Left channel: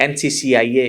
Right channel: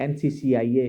NCCIA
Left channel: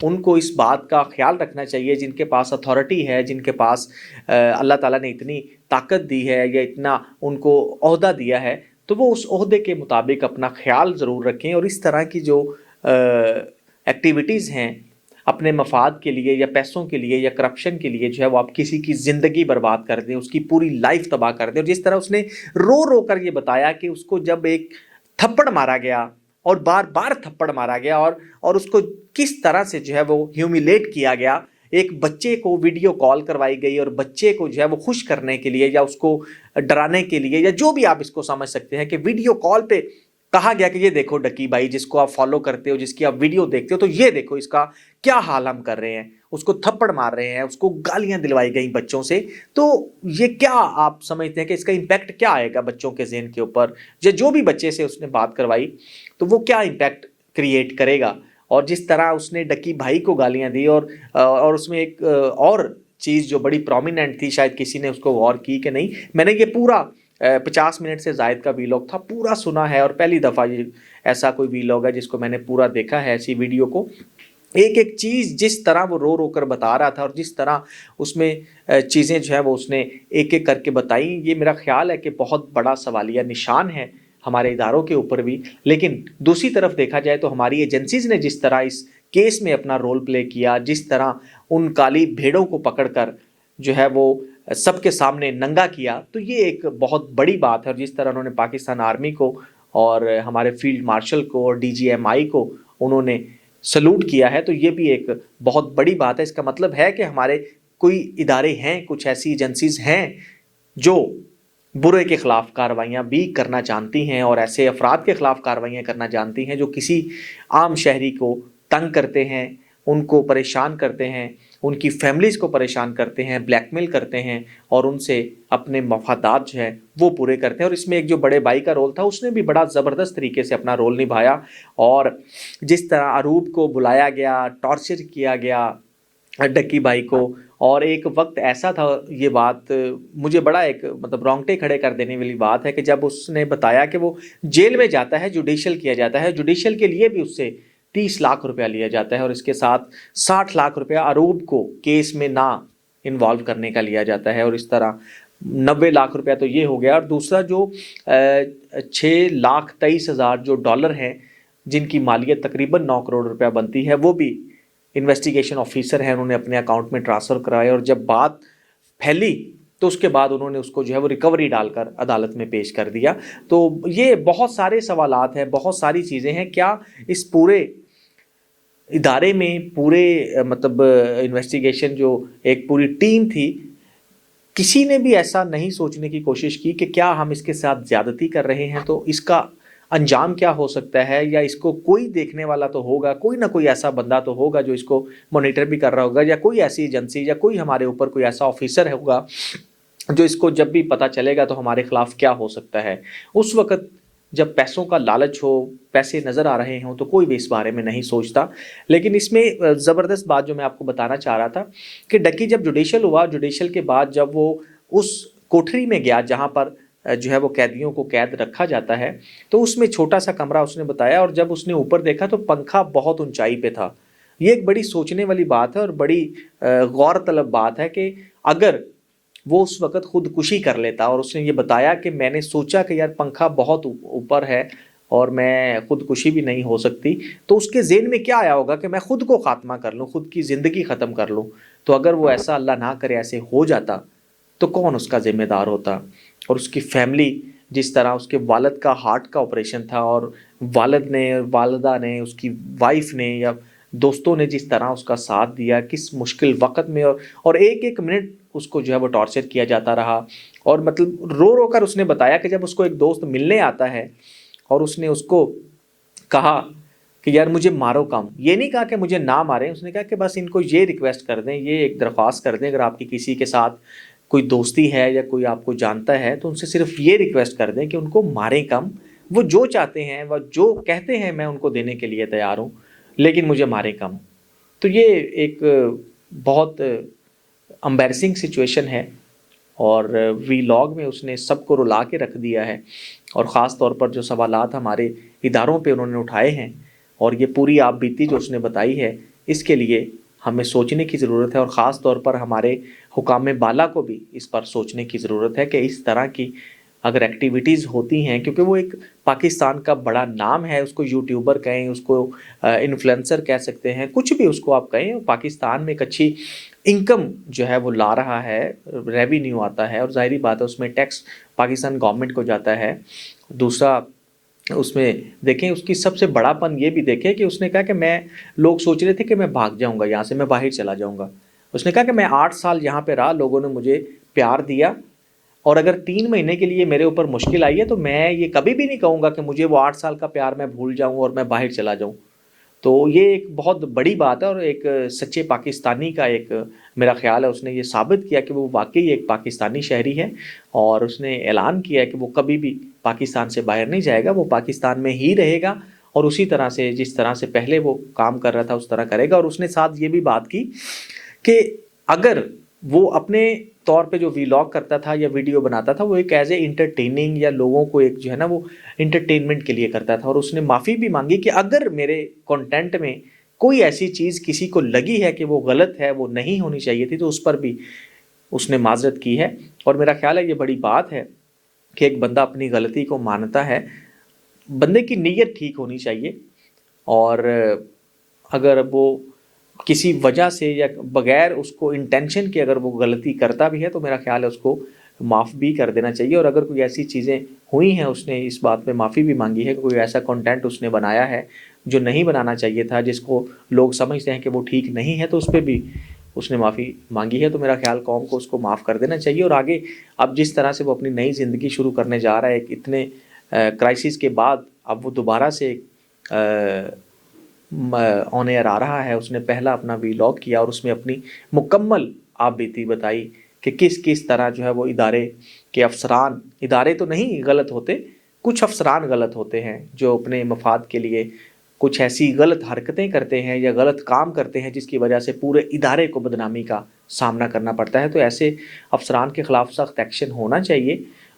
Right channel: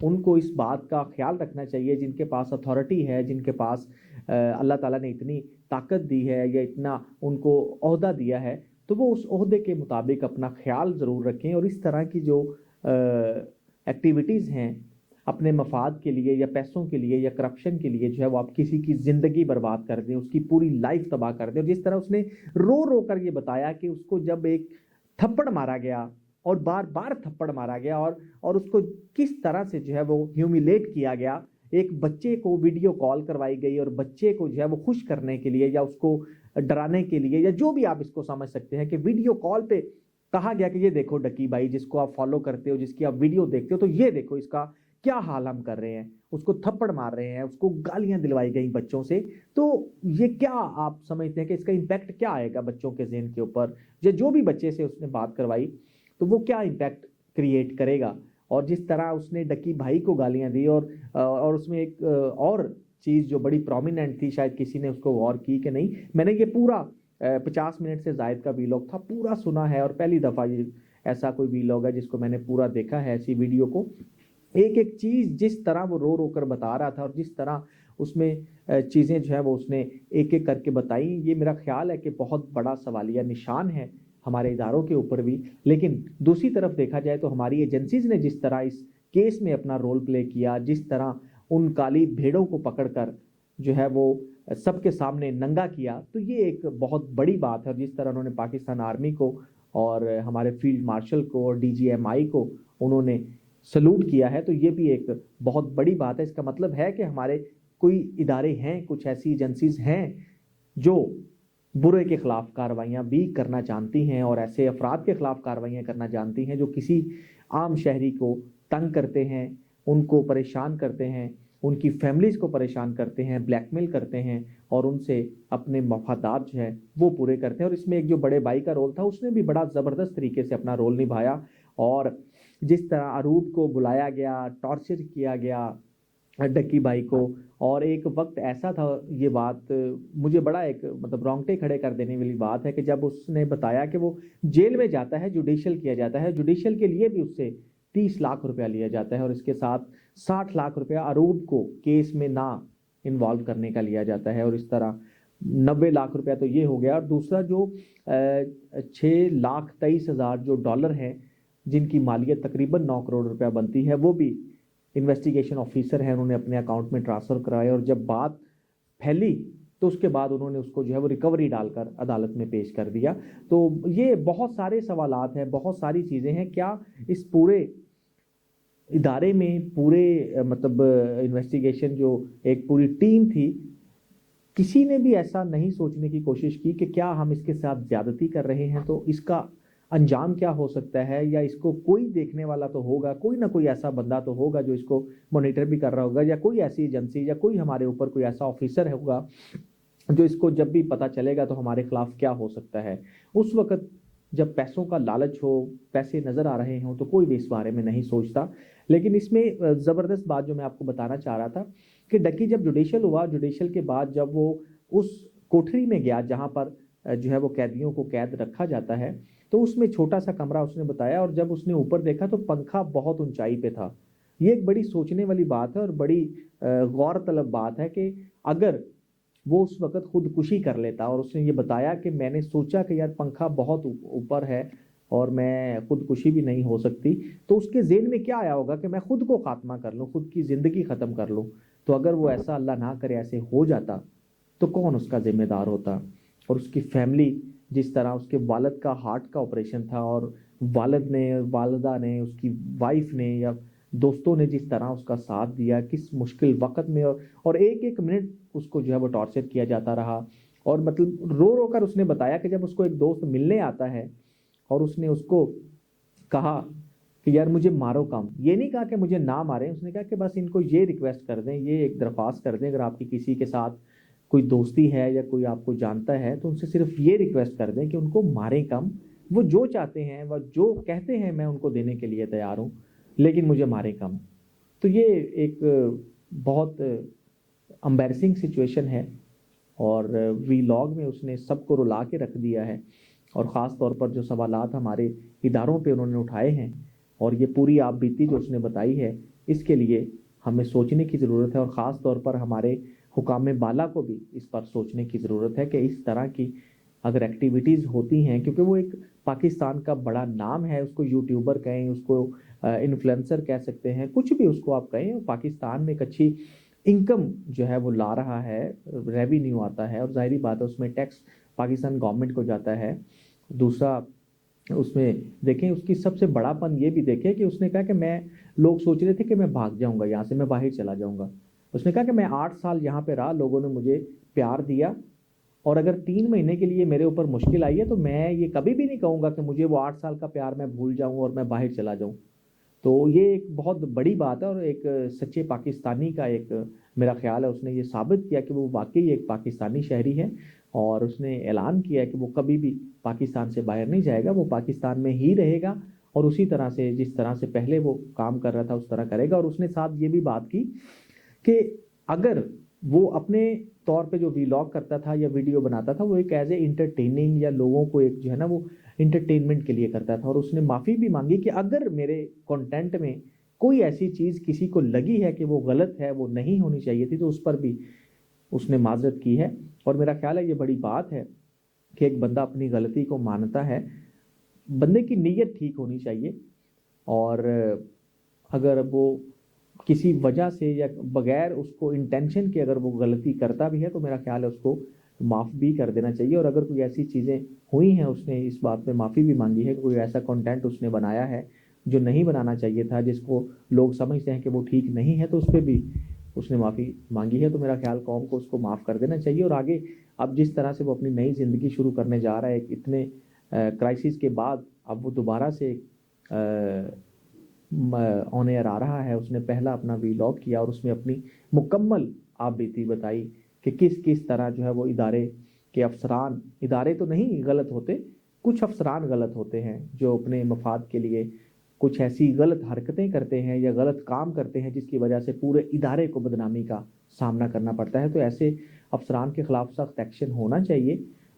ان کو اس بات کا خیال رکھنا چاہیے جن کے پاس اتھارٹی ہے, جن کے پاس اللہ تعالیٰ نے اتنی طاقت دی ہے یا اتنا ان کو عہدہ دیا ہے, تو وہ اس عہدے کے مطابق اپنا خیال ضرور رکھیں, اور اس طرح کی جو ایکٹیویٹیز ہیں اپنے مفاد کے لیے یا پیسوں کے لیے یا کرپشن کے لیے جو ہے وہ آپ کسی کی زندگی برباد کر دیں, اس کی پوری لائف تباہ کر دیں. اور جس طرح اس نے رو رو کر یہ بتایا کہ اس کو جب ایک تھپڑ مارا گیا اور بار بار تھپڑ مارا گیا اور اس کو کس طرح سے جو ہے وہ ہیومیلیٹ کیا گیا, ایک بچے کو ویڈیو کال کروائی گئی اور بچے کو جو ہے وہ خوش کرنے کے لیے یا اس کو ڈرانے کے لیے یا جو بھی آپ اس کو سمجھ سکتے ہیں کہ ویڈیو کال پہ کہا گیا کہ یہ دیکھو ڈکی بھائی جس کو آپ فالو کرتے ہو, جس کی آپ ویڈیو دیکھتے ہو, تو یہ دیکھو اس کا کیا حال ہم کر رہے ہیں, اس کو تھپڑ مار رہے ہیں, اس کو گالیاں دلوائی گئیں بچوں سے. تو یہ کیا آپ سمجھتے ہیں کہ اس کا امپیکٹ کیا آئے گا بچوں کے ذہن کے اوپر, یا جو بھی بچے سے اس نے بات کروائی تو وہ کیا امپیکٹ کریٹ کرے گا. اور جس طرح اس نے ڈکی بھائی کو گالیاں دی اور اس میں ایک اور چیز جو بڑی پرومیننٹ تھی, شاید کسی نے اس کو غور کی کہ نہیں, میں نے یہ پورا 50 منٹ سے زائد کا ویلاگ تھا پورا سنا ہے, اور پہلی دفعہ یہ ایسا کوئی ویلاگ ہے جس کو میں نے پورا دیکھا ہے, ایسی ویڈیو کو. ایک ایک چیز جس طرح وہ رو رو کر بتا رہا تھا اور جس طرح اس میں چیزیں جو ہے وہ اس نے ایک ایک کر کے بتائیں, یہ میرا خیال ہے کہ بہت بڑا سوالیہ نشان ہے ہمارے اداروں کے اوپر بھی. لیکن دوسری طرف دیکھا جائے تو ہماری ایجنسیز نے جس طرح اس کیس میں اپنا رول پلے کیا, جس طرح ان کالی بھیڑوں کو پکڑ کر جو ہے وہ سب کے سامنے ننگا کیا, تو یہ ایک بہت بڑی بات ہے. اور جس طرح انہوں نے پاکستان آرمی کو اور ہمارے فیلڈ مارشل کو اور DGMI کو انہوں نے سلوٹ کیا ہے, تو یہ بھی ایک بہت بڑی بات ہے. اس کا مطلب ہے کہ ہمارے کوئی ادارے ہیں, کچھ ایسی ایجنسیز ہیں جو برے کے خلاف کارروائیاں بھی کرنا جانتی ہیں اور ایسے افراد کے خلاف کارروائیاں کرنا جانتی ہیں جو کسی عام شہری کو تنگ کرتے ہیں, ان کو پریشان کرتے ہیں, ان کی فیملیز کو پریشان کرتے ہیں, بلیک میل کرتے ہیں اور ان سے اپنے مفادات جو ہے وہ پورے کرتے ہیں. اور اس میں ایک جو بڑے بھائی کا رول تھا اس نے بھی بڑا زبردست طریقے سے اپنا رول نبھایا, اور جس طرح اروب کو بلایا گیا, ٹارچر کیا گیا ڈکی بھائی کو. اور ایک وقت ایسا تھا, یہ بات مجھے بڑا ایک مطلب رونگٹے کھڑے کر دینے والی بات ہے کہ جب اس نے بتایا کہ وہ جیل میں جاتا ہے, جوڈیشل کیا جاتا ہے, جوڈیشل کے لیے بھی اس سے 30 لاکھ روپیہ لیا جاتا ہے, اور اس کے ساتھ 60 لاکھ روپیہ اروب کو کیس میں نہ انوالو کرنے کا لیا جاتا ہے, اور اس طرح 90 لاکھ روپیہ تو یہ ہو گیا. اور دوسرا جو 6,23,000 جو ڈالر ہیں جن کی مالیت تقریباً 9 کروڑ روپیہ بنتی ہے, وہ بھی انویسٹیگیشن آفیسر ہیں, انہوں نے اپنے اکاؤنٹ میں ٹرانسفر کرائے. اور جب بات پھیلی تو اس کے بعد انہوں نے اس کو جو ہے وہ ریکوری ڈال کر عدالت میں پیش کر دیا. تو یہ بہت سارے سوالات ہیں, بہت ساری چیزیں ہیں. کیا اس پورے ادارے میں پورے مطلب انویسٹیگیشن جو ایک پوری ٹیم تھی, کسی نے بھی ایسا نہیں سوچنے کی کوشش کی کہ کیا ہم اس کے ساتھ زیادتی کر رہے ہیں تو اس کا انجام کیا ہو سکتا ہے, یا اس کو کوئی دیکھنے والا تو ہوگا, کوئی نہ کوئی ایسا بندہ تو ہوگا جو اس کو مانیٹر بھی کر رہا ہوگا, یا کوئی ایسی ایجنسی یا کوئی ہمارے اوپر کوئی ایسا آفیسر ہوگا جو اس کو جب بھی پتہ چلے گا تو ہمارے خلاف کیا ہو سکتا ہے. اس وقت جب پیسوں کا لالچ ہو, پیسے نظر آ رہے ہوں, تو کوئی بھی اس بارے میں نہیں سوچتا. لیکن اس میں زبردست بات جو میں آپ کو بتانا چاہ رہا تھا کہ ڈکی جب جوڈیشل ہوا, جوڈیشل کے بعد جب وہ اس کوٹھری میں گیا جہاں پر جو ہے وہ قیدیوں کو قید رکھا جاتا ہے, تو اس میں چھوٹا سا کمرہ اس نے بتایا, اور جب اس نے اوپر دیکھا تو پنکھا بہت اونچائی پہ تھا. یہ ایک بڑی سوچنے والی بات ہے اور بڑی غور طلب بات ہے کہ اگر وہ اس وقت خودکشی کر لیتا, اور اس نے یہ بتایا کہ میں نے سوچا کہ یار پنکھا بہت اوپر ہے اور میں خودکشی بھی نہیں ہو سکتی, تو اس کے ذہن میں کیا آیا ہوگا کہ میں خود کو خاتمہ کر لوں, خود کی زندگی ختم کر لوں. تو اگر وہ ایسا اللہ نہ کرے ایسے ہو جاتا تو کون اس کا ذمہ دار ہوتا. اور اس کی فیملی, جس طرح اس کے والد کا ہارٹ کا آپریشن تھا, اور والد نے, والدہ نے, اس کی وائف نے یا دوستوں نے جس طرح اس کا ساتھ دیا کس مشکل وقت میں, اور ایک ایک منٹ اس کو جو ہے وہ ٹارچر کیا جاتا رہا. اور مطلب رو رو کر اس نے بتایا کہ جب اس کو ایک دوست ملنے آتا ہے اور اس نے اس کو کہا کہ یار مجھے مارو کم, یہ نہیں کہا کہ مجھے نہ ماریں, اس نے کہا کہ بس ان کو یہ ریکویسٹ کر دیں, یہ ایک درخواست کر دیں, اگر آپ کی کسی کے ساتھ کوئی دوستی ہے یا کوئی آپ کو جانتا ہے تو ان سے صرف یہ ریکویسٹ کر دیں کہ ان کو ماریں کم, وہ جو چاہتے ہیں, وہ جو کہتے ہیں میں ان کو دینے کے لیے تیار ہوں, لیکن مجھے ماریں کم. تو یہ ایک بہت امبیرسنگ سچویشن ہے, اور ویلاگ میں اس نے سب کو رلا کے رکھ دیا ہے, اور خاص طور پر جو سوالات ہمارے اداروں پہ انہوں نے اٹھائے ہیں, اور یہ پوری آپ بیتی جو اس نے بتائی ہے اس کے لیے ہمیں سوچنے کی ضرورت ہے، اور خاص طور پر ہمارے حکام بالا کو بھی اس پر سوچنے کی ضرورت ہے کہ اس طرح کی اگر ایکٹیویٹیز ہوتی ہیں، کیونکہ وہ ایک پاکستان کا بڑا نام ہے، اس کو یوٹیوبر کہیں، اس کو انفلوئنسر کہہ سکتے ہیں، کچھ بھی اس کو آپ کہیں، پاکستان میں ایک اچھی انکم جو ہے وہ لا رہا ہے، ریونیو آتا ہے، اور ظاہری بات ہے اس میں ٹیکس پاکستان گورنمنٹ کو جاتا ہے۔ دوسرا اس میں دیکھیں اس کی سب سے بڑا پن یہ بھی دیکھیں کہ اس نے کہا کہ لوگ سوچ رہے تھے کہ میں بھاگ جاؤں گا یہاں سے، میں باہر چلا جاؤں گا۔ اس نے کہا کہ میں 8 سال یہاں پہ رہا، لوگوں نے مجھے پیار دیا، اور اگر 3 مہینے کے لیے میرے اوپر مشکل آئی ہے تو میں یہ کبھی بھی نہیں کہوں گا کہ مجھے وہ 8 سال کا پیار میں بھول جاؤں اور میں باہر چلا جاؤں۔ تو یہ ایک بہت بڑی بات ہے، اور ایک سچے پاکستانی کا ایک میرا خیال ہے اس نے یہ ثابت کیا کہ وہ واقعی ایک پاکستانی شہری ہے، اور اس نے اعلان کیا کہ وہ کبھی بھی پاکستان سے باہر نہیں جائے گا، وہ پاکستان میں ہی رہے گا، اور اسی طرح سے جس طرح سے پہلے وہ کام کر رہا تھا اس طرح کرے گا۔ اور اس نے ساتھ یہ بھی بات کی کہ اگر وہ اپنے طور پہ جو ویلاگ کرتا تھا یا ویڈیو بناتا تھا وہ ایک ایز اے انٹرٹیننگ یا لوگوں کو ایک جو ہے نا وہ انٹرٹینمنٹ کے لیے کرتا تھا، اور اس نے معافی بھی مانگی کہ اگر میرے کنٹینٹ میں کوئی ایسی چیز کسی کو لگی ہے کہ وہ غلط ہے، وہ نہیں ہونی چاہیے تھی، تو اس پر بھی اس نے معذرت کی ہے۔ اور میرا خیال ہے یہ بڑی بات ہے کہ ایک بندہ اپنی غلطی کو مانتا ہے، بندے کی نیت ٹھیک ہونی چاہیے، اور اگر وہ کسی وجہ سے یا بغیر اس کو انٹینشن کے اگر وہ غلطی کرتا بھی ہے تو میرا خیال ہے اس کو معاف بھی کر دینا چاہیے۔ اور اگر کوئی ایسی چیزیں ہوئی ہیں اس نے اس بات پہ معافی بھی مانگی ہے کہ کوئی ایسا کنٹینٹ اس نے بنایا ہے جو نہیں بنانا چاہیے تھا، جس کو لوگ سمجھتے ہیں کہ وہ ٹھیک نہیں ہے، تو اس پہ بھی اس نے معافی مانگی ہے۔ تو میرا خیال قوم کو اس کو معاف کر دینا چاہیے، اور آگے اب جس طرح سے وہ اپنی نئی زندگی شروع کرنے جا رہا ہے ایک اتنے کرائسس کے بعد، اب وہ دوبارہ سے آن ایئر آ رہا ہے۔ اس نے پہلا اپنا ویلاگ کیا اور اس میں اپنی مکمل آپ بیتی بتائی کہ کس طرح جو ہے وہ ادارے کے افسران، ادارے تو نہیں غلط ہوتے، کچھ افسران غلط ہوتے ہیں جو اپنے مفاد کے لیے کچھ ایسی غلط حرکتیں کرتے ہیں یا غلط کام کرتے ہیں جس کی وجہ سے پورے ادارے کو بدنامی کا سامنا کرنا پڑتا ہے۔ تو ایسے افسران کے خلاف سخت ایکشن ہونا چاہیے،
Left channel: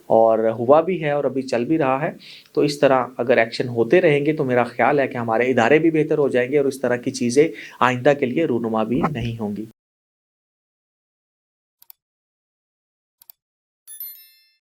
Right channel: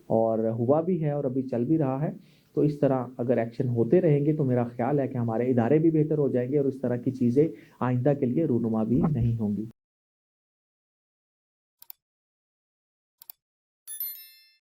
اور ہوا بھی ہے اور ابھی چل بھی رہا ہے۔ تو اس طرح اگر ایکشن ہوتے رہیں گے تو میرا خیال ہے کہ ہمارے ادارے بھی بہتر ہو جائیں گے، اور اس طرح کی چیزیں آئندہ کے لیے رونما بھی نہیں ہوں گی۔